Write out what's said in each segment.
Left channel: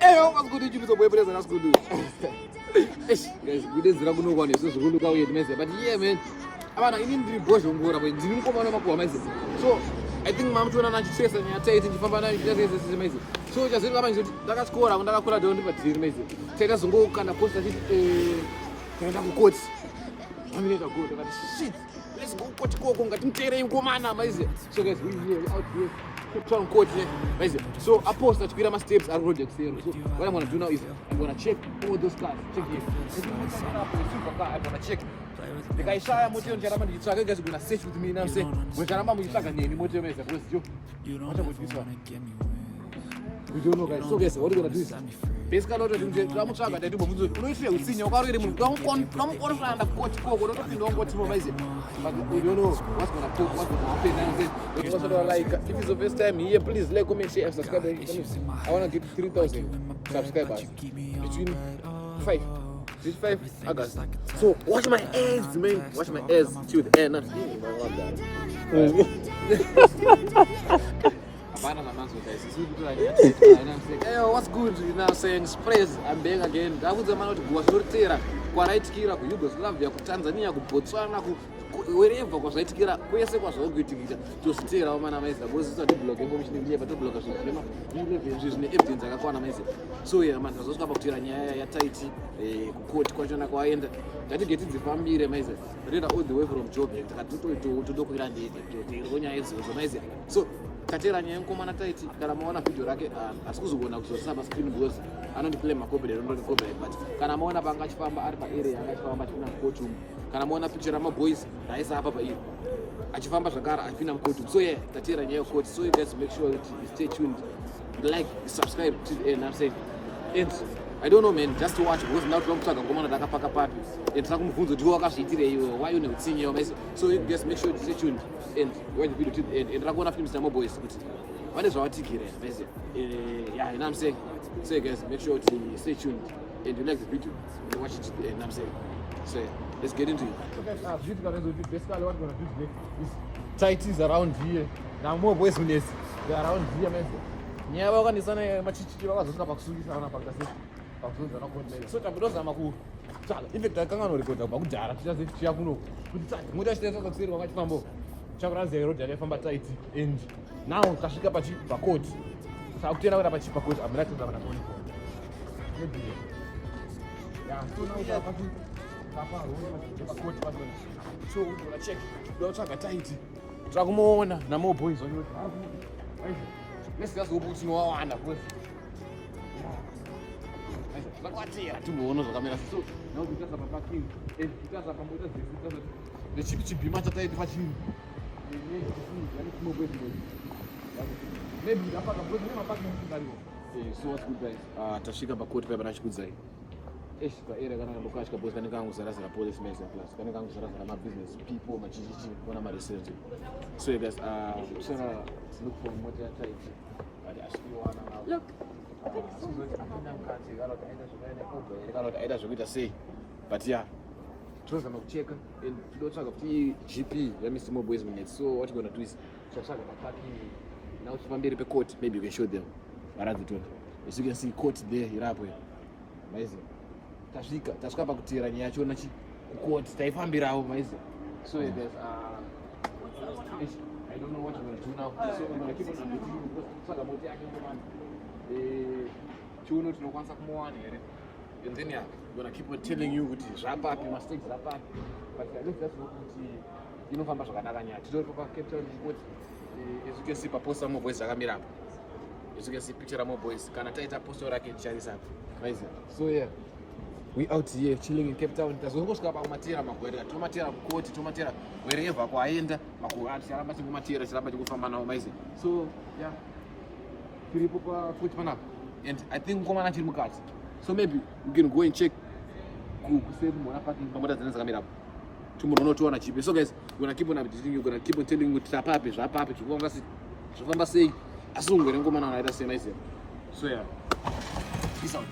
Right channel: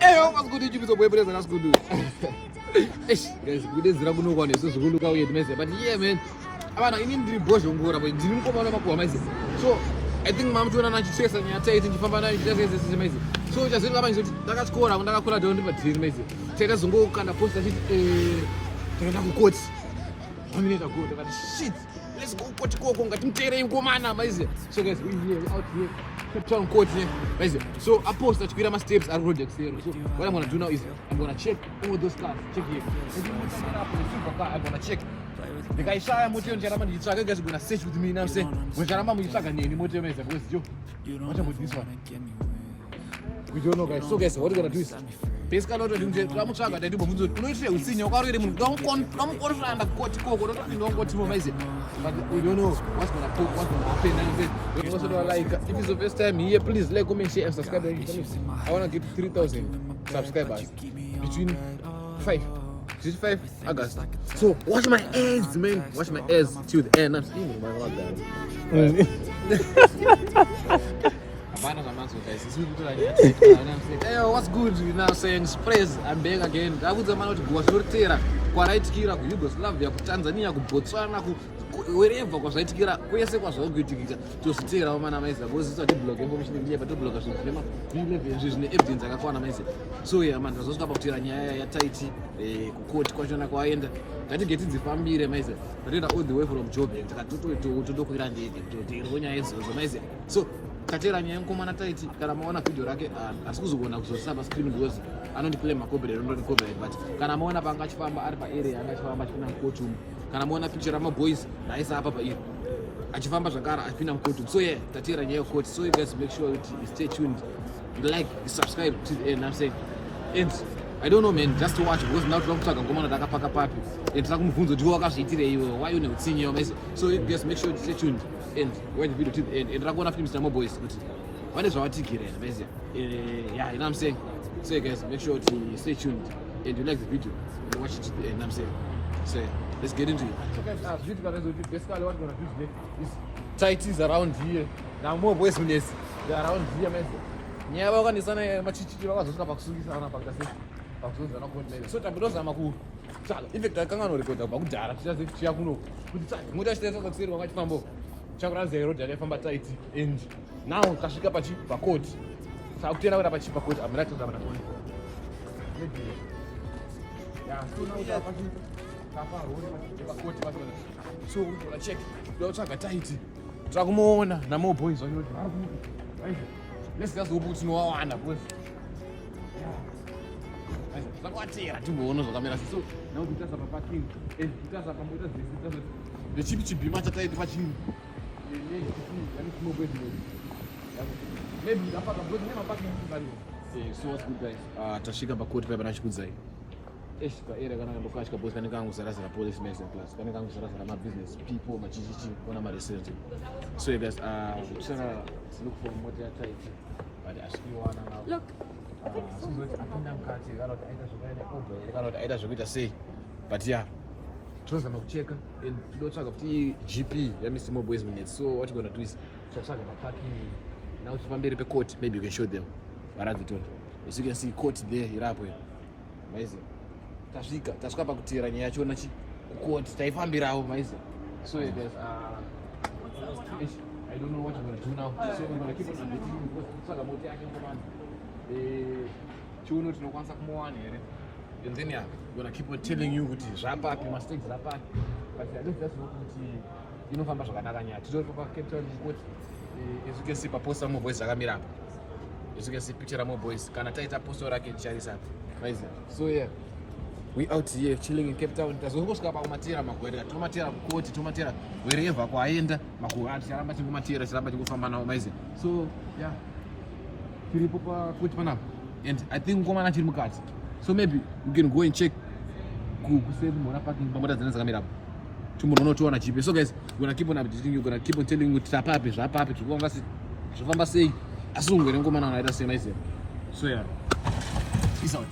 eyo kwasikuti chibizobwepereza nasikuti guys kudedzera kunokwa nesizvikuluka uye ndimeze but yeah man abana ini ndiri bhozhongora but ndiri mukomana makuhwa maizi so I think mamutona nachichesa nyaya taiti ndifamba nayo chichasese maizi so chazvinga manje kuti ndakatyora ndakakura dao ndipadhiri maizi taita zongokanda posta chiti taenda kukoti aminoita good ndakati shit let's go koti koko ngatimuteerei mukomana maizi so guys we here out here Town court here. So I post that my steps and projects here. So what I'm gonna do now is I'm gonna check all those cars. Check it. I'm gonna check. The guy saw me on Jarama, you guys gonna search with me now. Say, when Jarama is like a name, what you mean? You don't know this one. We don't know guys. So guys, what we're gonna do is basically what we're doing is I'm trying to do what we're doing. You see, you're already don't go around the court. Don't watch my face. But we don't know what's gonna put, what's gonna happen. And it was like, if it's the first time here, please like, comment, share, and subscribe. I wanna get 3,000 subscribers between 5 August. So watch my ads, man. Watch my ads till the end. I'm seeing hey, what's good? You now saying sprays. I'm back again. I was a man to go to Tera, Kwaitkira, Yugoslavia, Tanzania, Botswana, wherever was Aitkira, where's it was all good to stay on my mesa. Was a blog, but the bloggers, he lives in evidence. I got one so yeah, man, I was about to Taiti, a coach, Kwajana Kwayenda. I didn't get it the family, amazing. I didn't hold the way from job. I took it to the so katera nyenkumana taiti kana muona video rake asikuzogona kuzosaba screen because anondiclaim makobere ndondikobere but kana muona pangachifamba ari paarea angachifamba china mkocho kana muona picture ma boys naisa hapa pa hiyo achifamba zvakara achipinda mkocho so yeah katera nyeyo court so you guys make sure that you stay tuned like subscribe to the end I'm saying and I don't know man just to watch because now tinokutsvaga ngomana takapaka papi and takumubvunza kuti wakazviitire iwe why une utsinye wamese so you guys make sure to stay tuned and watch the video to the end and rakuona films na boys vane zvavatikira mese yeah you know what I'm saying so you guys make sure to stay tuned and you like the video and watch it to the end I'm saying so let's get into it okay video guys basically what we're going to do is tight is around here now more boys when they are around here mese nyava wakanisana machichiro vakazosvika pakusukisana pakasei pakuzonzana konmene so tambidozama kutsvaga infect akanganorekodza pakudhara tichaziya kuno kuti tsvaga muta chitaisakatsiri wakachifambo chakuranzia road yaifamba taiti and now kasvika pakoti sakutenda kuda pakoti amuna toda mana kuona ya so now uta pakoti pakoti so uta check ndotsvaga taiti tsakumuona namo boys vanoti let's just go put no one up with Zakwatira timboona zvakamira so now titasa pa parking and titasa pa mota dzitasa the chibima chataiti pachini maybe ndapaka bro nema parking kutani so what's good guys tasvika pa court papa nachikudzai esvika era kana ndokashika boss kana kangu zara police mess plus kana kangu zara ma business people machichichi kona ma research so you guys sara look for mota ya tight but as you wanna now look aita zvokuita sei but yeah tozama kucheka and tinotsvaga kuti GP yaMr Boys minutes so what we're gonna do is tinotsvaga maparking now tifamberi pecourt maybe you can show them varadzitora as you can see court there irapo maisi tasvika pakutera nyaya yachona court taifambirawo maisi so you guys I don't know what we're gonna do now so we're gonna keep on updating because tinotsvaga mota yake komanda chiuno tinokwanisa kumuwana here and then yeah we're gonna keep on telling you kuti zvapapi mistakes zvapapi but I don't just know kuti inofamba zvakanaka nyaya titori pa Cape Town court as you can see paposta mo boys akamira apa as you can see picture mo boys kana taita poster rake tichaisa guys so yeah we out here chilling in Cape Town tazongosvika pakumatera magwere tomatera court tomatera wherever kwaenda makuati aramba tingomatera tiramba tingofamba nawo maize so yeah tiripo pakuti panapa and I think komana tiri mukati so maybe you can go and check kusave mona parking pamota dzine dzakamira apo tumbonotoona chipe so guys we're gonna keep on updating you gonna keep on telling you tapapi zvapapi zvofamba sei asi ungere ngomana unaita sei nice so yeah peace out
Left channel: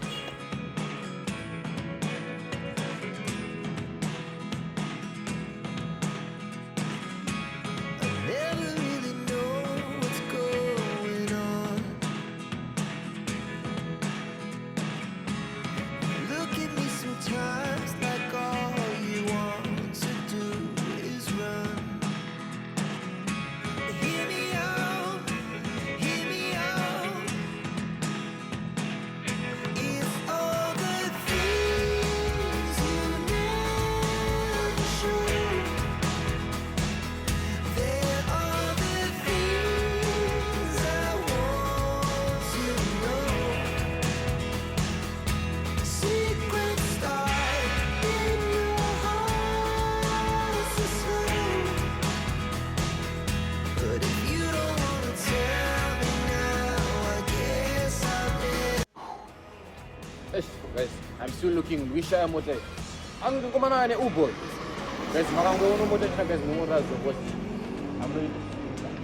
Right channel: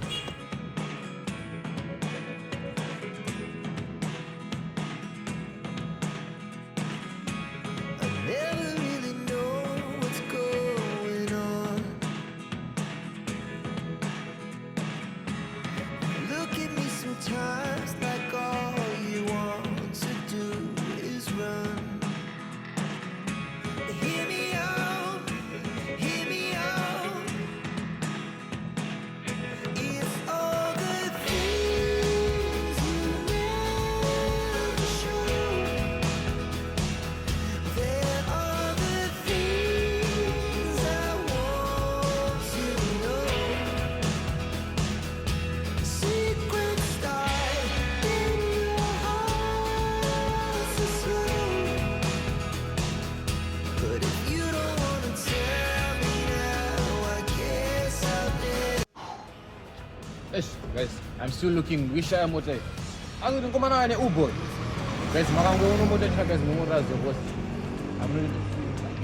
Guys, I'm still looking. Wish I am what I'm going to come on Uber. Guys, I'm going to go to the guys. I'm going to go. I'm going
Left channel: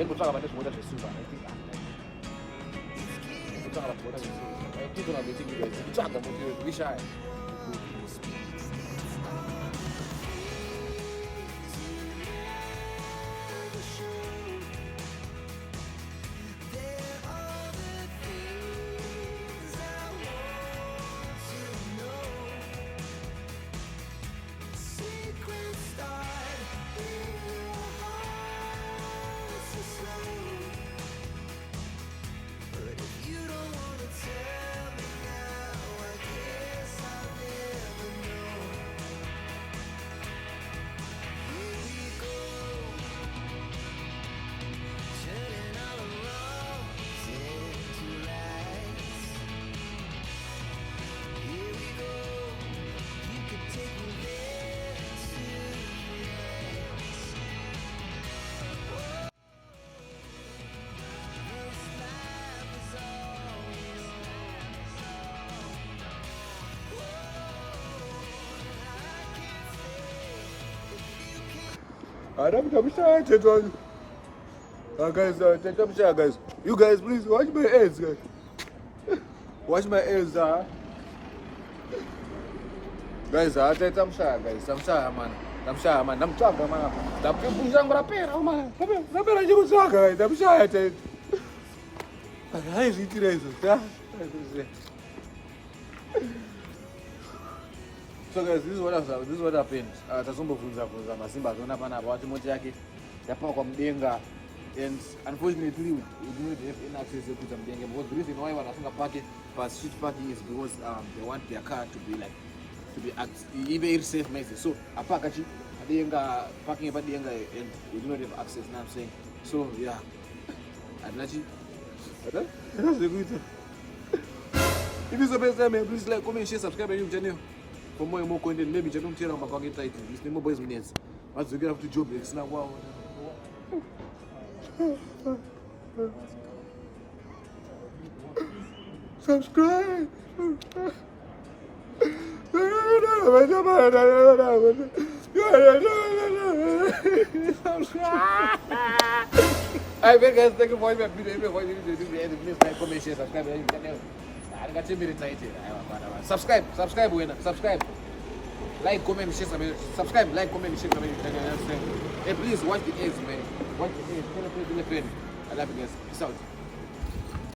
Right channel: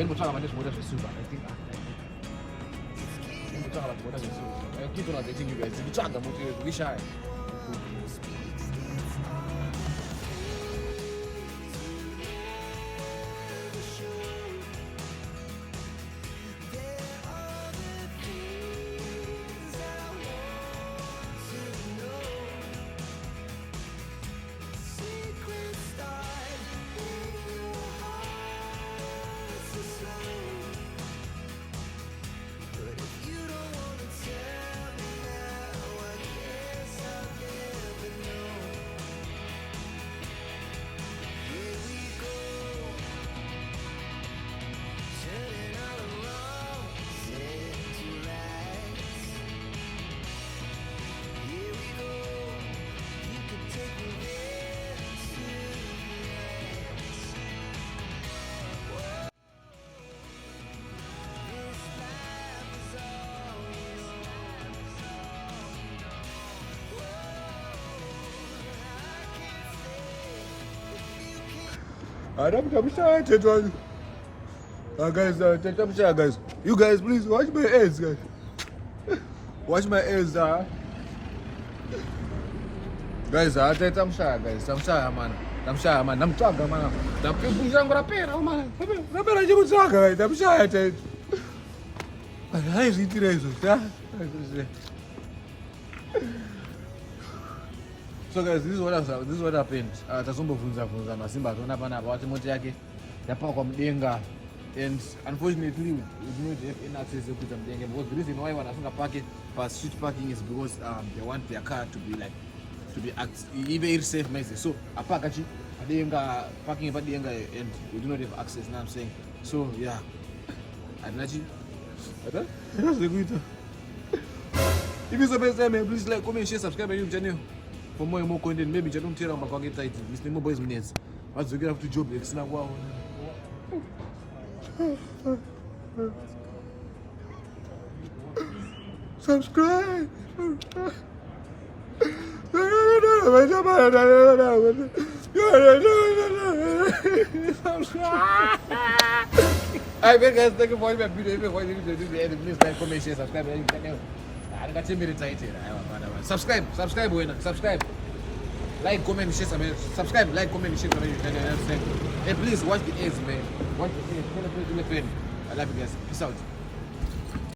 to talk about this water for soup. I think I'm talking about water for soup. I'm keeping on the thing, guys. I'm talking about wish I. I'm sorry, guys. You guys, please watch my ears, guys. Watch my ears, guys. I'm sorry, guys. I'm sorry, man. I'm sorry, man. I'm sorry, man. The people are going to pay, man. I'm sorry, so guys, this is what happened. Tazombofunza Masimba zona pana about moto yake yapakwa mdenga, and unfortunately we don't have any access to the mdenga, because the reason why wanasunga park it for street parking is because they want their car to be very safe message. So apakachi adenga parking about denga, and we do not have access. Now I'm saying, so yeah, Adnachi. If you subscribe, please like, comment, share, subscribe my YouTube channel. For more and more content, maybe you don't tell them about title. It's the mobile minutes. As you get up to job, it's like wow. Subscribe. I beg guys, thank you for watching my video. If you want to do the end, please like, comment, share, subscribe my YouTube channel. I got 10 minutes. Subscribe, subscribe. Like, comment, share, subscribe, like, comment, share, and please watch the ads, man. Watch the ads. I love you guys. Peace out.